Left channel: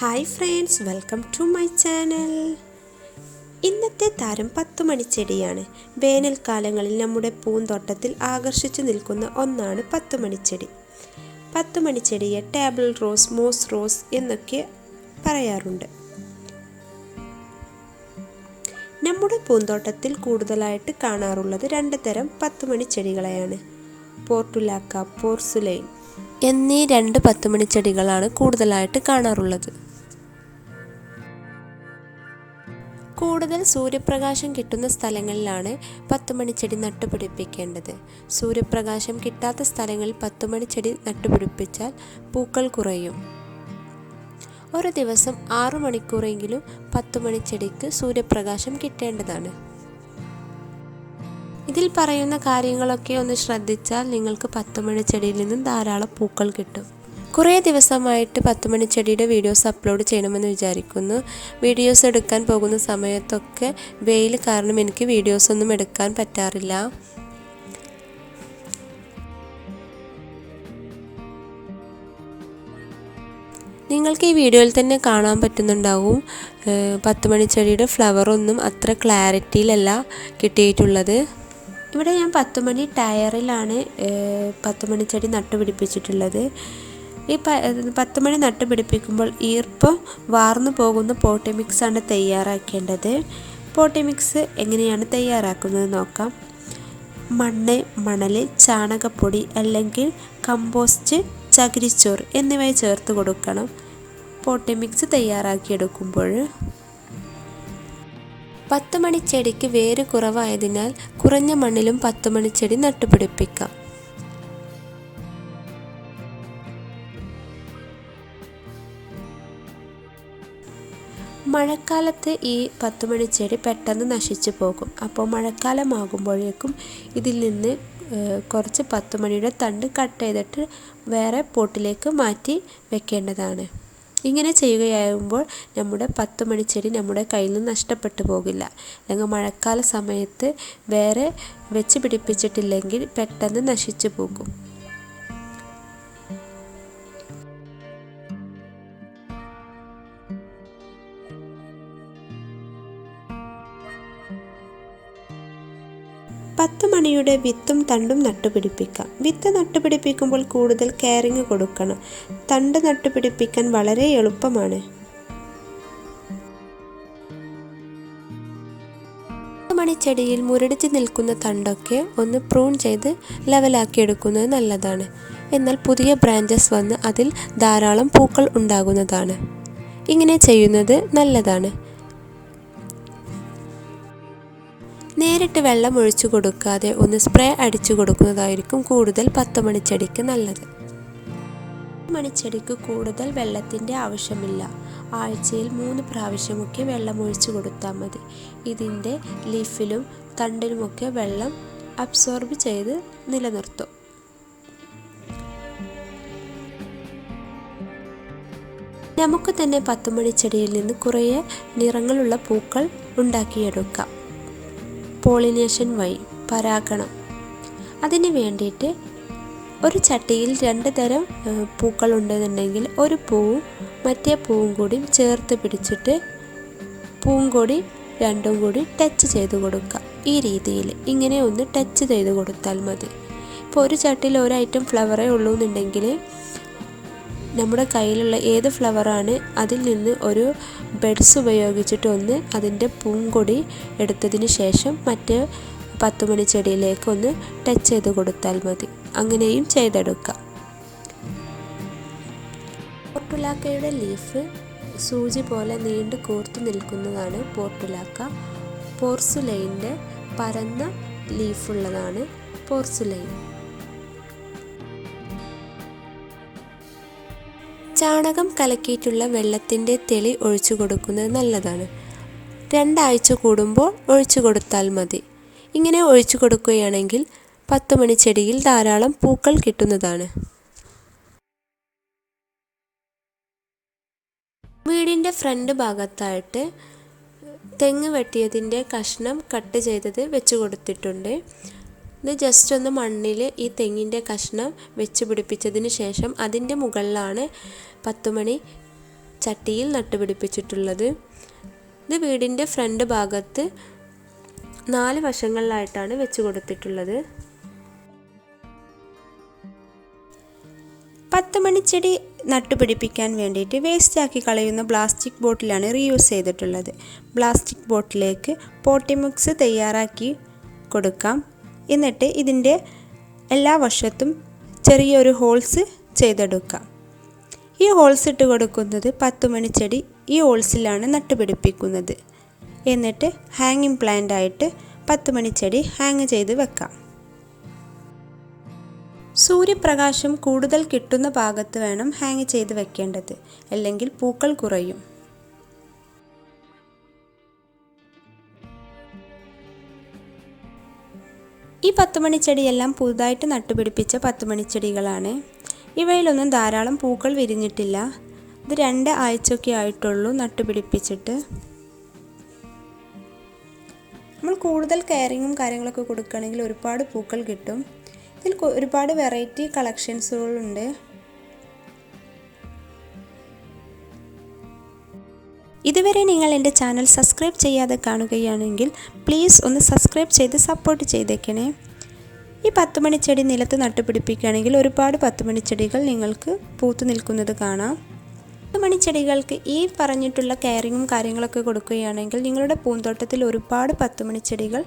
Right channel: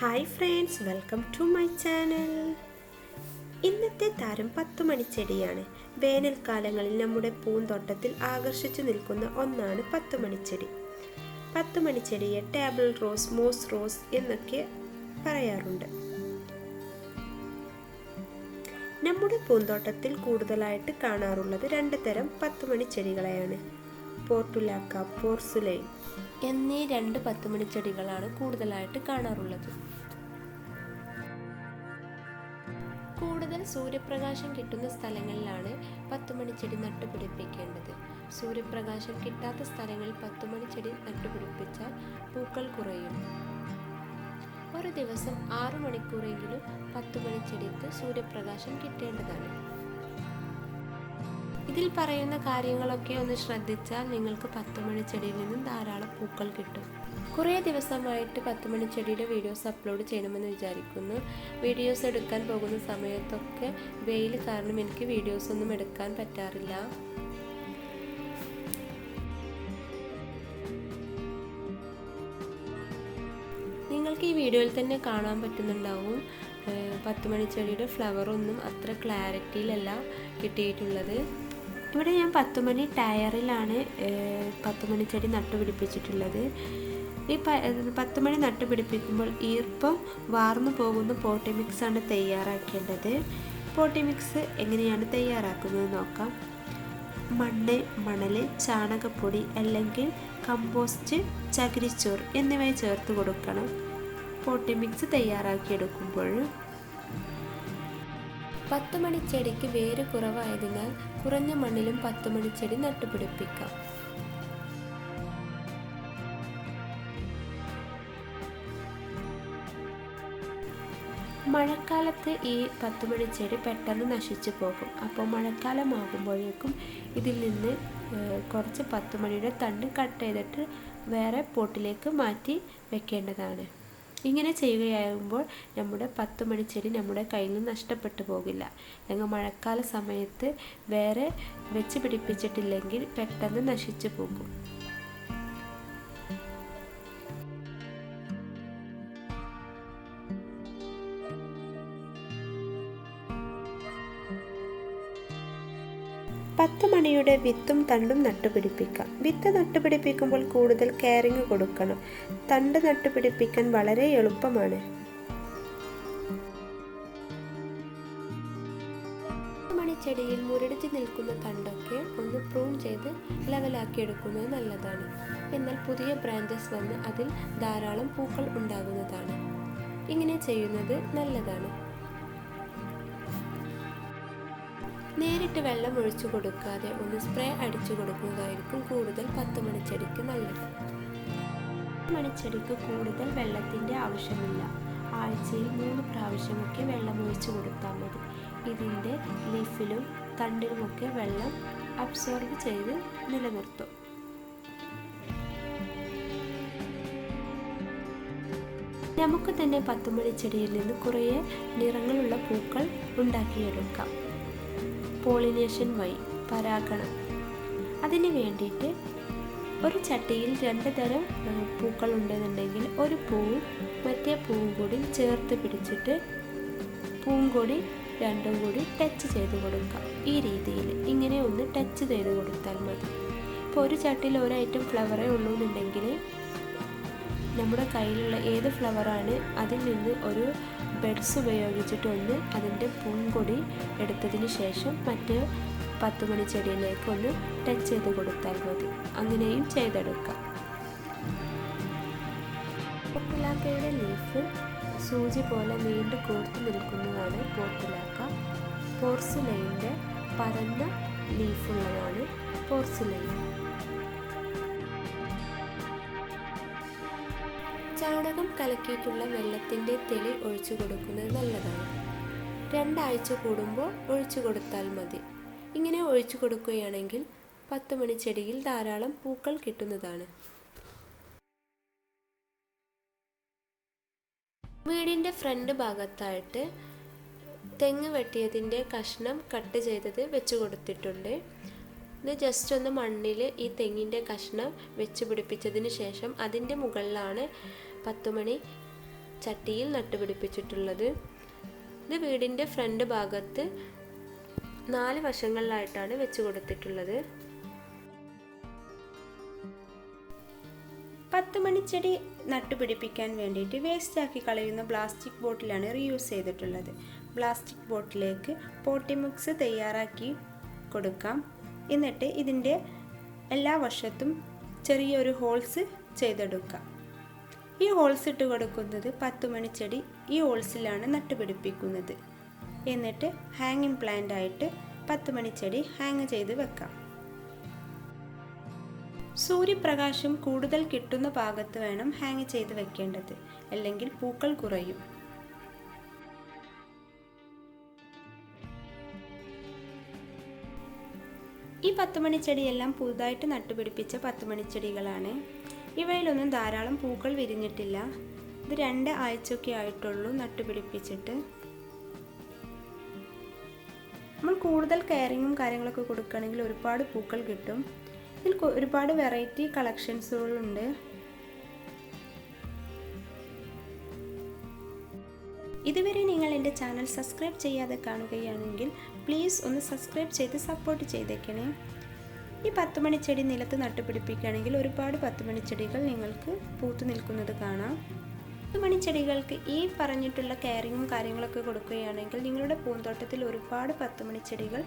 Hi friends, welcome to my channel. ഇന്നത്തെ താരം പത്തുമണിച്ചെടിയാണ്. വേനൽക്കാലങ്ങളിൽ നമ്മുടെ പൂന്തോട്ടത്തിൽ ആകർഷിച്ചു നിൽക്കുന്ന ഒന്നാണ് പത്തുമണിച്ചെടി. പത്തുമണിച്ചെടിയെ ടേബിൾ റോസ്, മോസ് റോസ് എന്നൊക്കെ പറയാറുണ്ട്. നമ്മുടെ പൂന്തോട്ടത്തിൽ കൂടുതലായിട്ട് കാണാറുള്ളത് രണ്ട് തരം പത്തുമണിച്ചെടികളെയാണ്. പോർട്ടുലാക്ക, പോർസുലൈൻ എന്നീ രണ്ട് പത്തുമണിച്ചെടികളാണ് കൂടുതലായിട്ട് കാണാറുള്ളത്. കൂടുതൽ സൂര്യപ്രകാശം കിട്ടുന്ന സ്ഥലങ്ങളിലാണ് പത്തുമണിച്ചെടി നട്ടുപിടിപ്പിക്കേണ്ടത്. സൂര്യപ്രകാശം കിട്ടാത്ത സ്ഥലങ്ങളിൽ പത്തുമണിച്ചെടി നട്ടുപിടിപ്പിച്ചാൽ പൂക്കൾ കുറയും. ഒരു ദിവസം 6 മണിക്കൂറെങ്കിലും പത്തുമണിച്ചെടിക്ക് സൂര്യപ്രകാശം കിട്ടേണ്ടതാണ്. ഇതിൽ പറയുന്ന കാര്യങ്ങളൊക്കെ ഒന്ന് ശ്രദ്ധിച്ചാൽ നിങ്ങൾക്ക് പത്തുമണിച്ചെടിയിൽ നിന്നും ധാരാളം പൂക്കൾ കിട്ടും. കുറേ ദിവസമായിട്ട് പത്തുമണിച്ചെടിയുടെ വീഡിയോസ് അപ്ലോഡ് ചെയ്യണമെന്ന് വിചാരിക്കുന്നു. വീഡിയോസ് എടുക്കാൻ പോകുന്ന സമയത്തൊക്കെ വെയിൽ കാരണം എനിക്ക് വീഡിയോസ് ഒന്നും എടുക്കാൻ പറ്റാറില്ല. നിങ്ങൾക്ക് ഈ വീഡിയോയിൽ തന്നെ കാണാൻ പറ്റുന്നുണ്ടാവും, പത്തുമണിച്ചെടിയുടെ ഫ്ലവറൊന്നും അത്ര ക്ലാരിറ്റിയിലല്ല കിട്ടിയിട്ടുള്ളത്. ഇവിടെ ഞാൻ പത്തുമണി ടയറിലാണ് പത്തുമണിച്ചെടി നട്ടുപിടിപ്പിച്ചിട്ടുള്ളത്. ഈ പത്തുമണി നട്ടുപിടിപ്പിക്കുമ്പോൾ ഈർപ്പം വാർന്നു പോകുന്ന പോട്ടി മിക്സാണ് തയ്യാറാക്കേണ്ടത്. പോട്ടി മിക്സ് എങ്ങനെയാണ് തയ്യാറാക്കുന്നത് നോക്കാം. മണ്ണ്, മണൽ, ചാണകപ്പൊടി അല്ലെങ്കിൽ കമ്പോസ്റ്റ്, ചകിരിച്ചോറ് എന്നിവ ചേർത്ത് കൊടുക്കണം പോട്ടി മിക്സ് തയ്യാറാക്കിയെടുക്കുമ്പോൾ. പത്തുമണിച്ചെടിക്ക് വേര് കുറവായതിനാൽ കുറഞ്ഞ മണ്ണിലും പത്തുമണിച്ചെടി നട്ടുപിടിപ്പിക്കാം. മഴക്കാലത്ത് ഈ പത്തുമണിച്ചെടി പെട്ടെന്ന് നശിച്ചു പോകും. അപ്പോൾ മഴക്കാലമാകുമ്പോഴേക്കും ഇതിൽ നിന്ന് കുറച്ച് പത്തുമണിയുടെ തണ്ട് കട്ട് ചെയ്തിട്ട് വേറെ പോട്ടിലേക്ക് മാറ്റി വെക്കേണ്ടതാണ്. ഇങ്ങനെ ചെയ്യുകയാകുമ്പോൾ നമ്മുടെ പത്തുമണിച്ചെടി നമ്മുടെ കയ്യിൽ നിന്ന് നഷ്ടപ്പെട്ടു പോകില്ല. അല്ലെങ്കിൽ മഴക്കാല സമയത്ത് വേറെ വെച്ച് പിടിപ്പിച്ചിട്ടില്ലെങ്കിൽ പെട്ടെന്ന് നശിച്ചു പോകും. പത്തുമണിയുടെ വിത്തും തണ്ടും നട്ടുപിടിപ്പിക്കാം. വിത്ത് നട്ടുപിടിപ്പിക്കുമ്പോൾ കൂടുതൽ കെയറിങ് കൊടുക്കണം. തണ്ട് നട്ടുപിടിപ്പിക്കാൻ വളരെ എളുപ്പമാണ്. പത്തുമണിച്ചെടിയിൽ മുരടിച്ച് നിൽക്കുന്ന തണ്ടൊക്കെ ഒന്ന് പ്രൂൺ ചെയ്ത് ലെവലാക്കി എടുക്കുന്നത് നല്ലതാണ്. എന്നാൽ പുതിയ ബ്രാഞ്ചസ് വന്ന് അതിൽ ധാരാളം പൂക്കൾ ഉണ്ടാകുന്നതാണ്. ഇങ്ങനെ ചെയ്യുന്നത് നല്ലതാണ്. നേരിട്ട് വെള്ളം ഒഴിച്ചു കൊടുക്കാതെ ഒന്ന് സ്പ്രേ അടിച്ചു കൊടുക്കുന്നതായിരിക്കും കൂടുതൽ പത്തുമണിച്ചെടിക്ക് നല്ലത്. പത്തുമണിച്ചെടിക്ക് കൂടുതൽ വെള്ളത്തിൻ്റെ ആവശ്യമില്ല. ആഴ്ചയിൽ 3 പ്രാവശ്യമൊക്കെ വെള്ളം ഒഴിച്ചു കൊടുത്താൽ മതി. ഇതിൻ്റെ ലീഫിലും തണ്ടിലുമൊക്കെ വെള്ളം അബ്സോർബ് ചെയ്ത് നിലനിർത്തും. നമുക്ക് തന്നെ പത്തുമണിച്ചെടിയിൽ നിന്ന് കുറേ നിറങ്ങളുള്ള പൂക്കൾ ഉണ്ടാക്കിയെടുക്കാം. പോളിനേഷൻ വഴി പരാഗണം. അതിന് വേണ്ടിയിട്ട് ഒരു ചട്ടിയിൽ 2 തരം പൂക്കൾ ഉണ്ടെന്നുണ്ടെങ്കിൽ ഒരു പൂവും മറ്റേ പൂവും കൂടി ചേർത്ത് പിടിച്ചിട്ട് പൂങ്കൊടി രണ്ടും കൂടി ടച്ച് ചെയ്ത് കൊടുക്കുക. ഈ രീതിയിൽ ഇങ്ങനെ ഒന്ന് ടച്ച് ചെയ്ത് കൊടുത്താൽ മതി. ഇപ്പോൾ ഒരു ചട്ടിയിൽ ഒരു ഐറ്റം ഫ്ലവറേ ഉള്ളൂ എന്നുണ്ടെങ്കിൽ നമ്മുടെ കയ്യിലുള്ള ഏത് ഫ്ലവറാണ് അതിൽ നിന്ന് ഒരു ബെഡ്സ് ഉപയോഗിച്ചിട്ട് ഒന്ന് അതിൻ്റെ പൂങ്കൊടി എടുത്തതിന് ശേഷം മറ്റേ പത്തുമണിച്ചെടിയിലേക്ക് ഒന്ന് ടച്ച് ചെയ്ത് കൊടുത്താൽ മതി. അങ്ങനെയും ചെയ്തെടുക്കാം. പോർട്ടുലാക്കയുടെ ലീഫ് സൂചി പോലെ നീണ്ടു കൂർത്ത് നിൽക്കുന്നതാണ് പോർട്ടുലാക്ക. പോർസുലൈൻ്റെ പരന്ന ലീഫുള്ളതാണ് പോർസുലൈൻ. ചാണകം കലക്കിയിട്ടുള്ള വെള്ളത്തിൻ്റെ തെളി ഒഴിച്ചു കൊടുക്കുന്നത് നല്ലതാണ്. 2 ആഴ്ച കൂടുമ്പോൾ ഒഴിച്ചു കൊടുത്താൽ മതി. ഇങ്ങനെ ഒഴിച്ചു കൊടുക്കുകയാണെങ്കിൽ പത്തുമണിച്ചെടിയിൽ ധാരാളം പൂക്കൾ കിട്ടുന്നതാണ്. വീടിൻ്റെ ഫ്രണ്ട് ഭാഗത്തായിട്ട് തെങ്ങ് വെട്ടിയതിൻ്റെ കഷ്ണം കട്ട് ചെയ്തത് വെച്ച് കൊടുത്തിട്ടുണ്ട്. ഇത് ജസ്റ്റ് ഒന്ന് മണ്ണിൽ ഈ തെങ്ങിൻ്റെ കഷ്ണം വെച്ച് പിടിപ്പിച്ചതിന് ശേഷം അതിൻ്റെ മുകളിലാണ് പത്തുമണി ചട്ടിയിൽ നട്ടുപിടിപ്പിച്ചിട്ടുള്ളത്. ഇത് വീടിൻ്റെ ഫ്രണ്ട് ഭാഗത്ത് 4 വശങ്ങളിലായിട്ടാണ് വെച്ച് കൊടുത്തിട്ടുള്ളത്. 10 മണിച്ചെടി നട്ടുപിടിപ്പിക്കാൻ വേണ്ടിയിട്ട് വേസ്റ്റാക്കി കളയുന്ന പ്ലാസ്റ്റിക് ബോട്ടിലാണ് റീയൂസ് ചെയ്തിട്ടുള്ളത്. പ്ലാസ്റ്റിക് ബോട്ടിലേക്ക് പോട്ടി മിക്സ് തയ്യാറാക്കി കൊടുക്കാം. എന്നിട്ട് ഇതിൻ്റെ എല്ലാ വശത്തും ചെറിയൊരു ഹോൾസ് ചെയ്തെടുക്കാം. ഈ ഹോൾസ് ഇട്ട് കൊടുക്കുന്നത് 10 മണിച്ചെടി ഈ ഹോൾസിലാണ് നട്ടുപിടിപ്പിക്കുന്നത്. എന്നിട്ട് ഹാങ്ങിങ് പ്ലാന്റ് ആയിട്ട് 10 മണിച്ചെടി ഹാങ് ചെയ്ത് വെക്കാം. സൂര്യപ്രകാശം കൂടുതൽ കിട്ടുന്ന ഭാഗത്ത് വേണം ഹാങ് ചെയ്ത് വെക്കേണ്ടത്, അല്ലെങ്കിൽ പൂക്കൾ കുറയും. ഈ 10 മണിച്ചെടിയെല്ലാം പുതുതായിട്ട് നട്ടുപിടിപ്പിച്ച 10 മണിച്ചെടികളാണ്. ഇവയിലൊന്നും ധാരാളം പൂക്കൾ വിരിഞ്ഞിട്ടില്ല. ഇത് 2 ആഴ്ചയൊക്കെ ആയിട്ടുള്ളൂ നട്ടുപിടിപ്പിച്ചിട്ട്. നമ്മൾ കൂടുതൽ കെയറിങ്ങും കാര്യങ്ങളൊക്കെ കൊടുക്കുകയാണെങ്കിൽ ഒരുപാട് പൂക്കൾ കിട്ടും. ഇതിൽ ഒരുപാട് വെറൈറ്റി കളക്ഷൻസുകളുണ്ട്. ഇതുവരെ നിങ്ങൾ എൻ്റെ ചാനൽ സബ്സ്ക്രൈബ് ചെയ്യാതെ കാണുകയാണെങ്കിൽ പ്ലീസ് ഒന്ന് സബ്സ്ക്രൈബ് ചെയ്ത് സപ്പോർട്ട് ചെയ്തേക്കണേ. ഈ 10 മണിച്ചെടി നിലത്ത് നട്ടുപിടിപ്പിക്കുകയാണെങ്കിൽ ഒരുപാട് 10 മണിച്ചെടികൾ നിങ്ങൾക്ക് പൂത്തു നിൽക്കുന്നത് കാണാം. 10 മണിച്ചെടികൾക്ക് ഈ പറഞ്ഞിട്ടുള്ള കെയറിങ്ങും കാര്യങ്ങളൊക്കെ കൊടുക്കുകയാണെങ്കിൽ നിങ്ങളുടെ പൂന്തോട്ടത്തിൽ ഒരുപാട് 10 മണിച്ചെടികൾ